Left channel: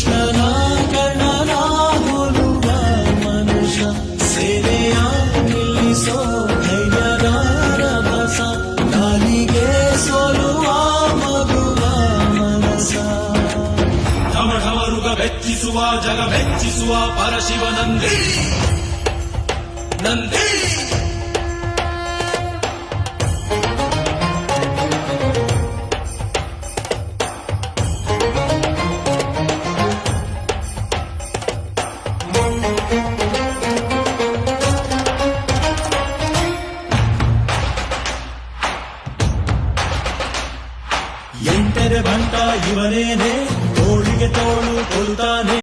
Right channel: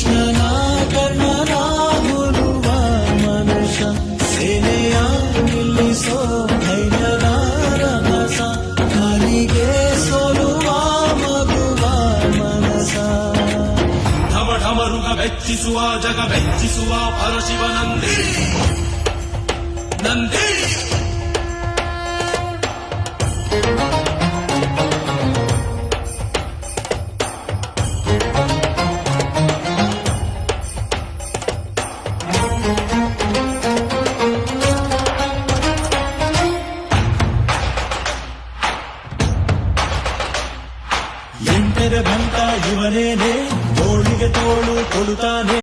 ಕೃಷ್ಣನ ಕರ್ಣನ ಹೋಲುವ ಮನುಷ್ಯ ಸೇನೆಯ ನಿಲ್ಲಿಸೋ ಧೈರ್ಯದ ರಭಸ ದಾರಿಗೆ ಸೋಲುವ ಮಗುವ ಮನಸ ಢಮರುಗ ಬೆಚ್ಚಿಸುವ ಜಗ ಬೆಚ್ಚಿಸುವ ಪರಶಿವನಂದೇ ನಂದೇ ಎಂಟರ ಭಂಟ ಇವನೇನೆ ತೋಳಿಗೆ ತೋಳು ಕೊಲುತ್ತಾನೆ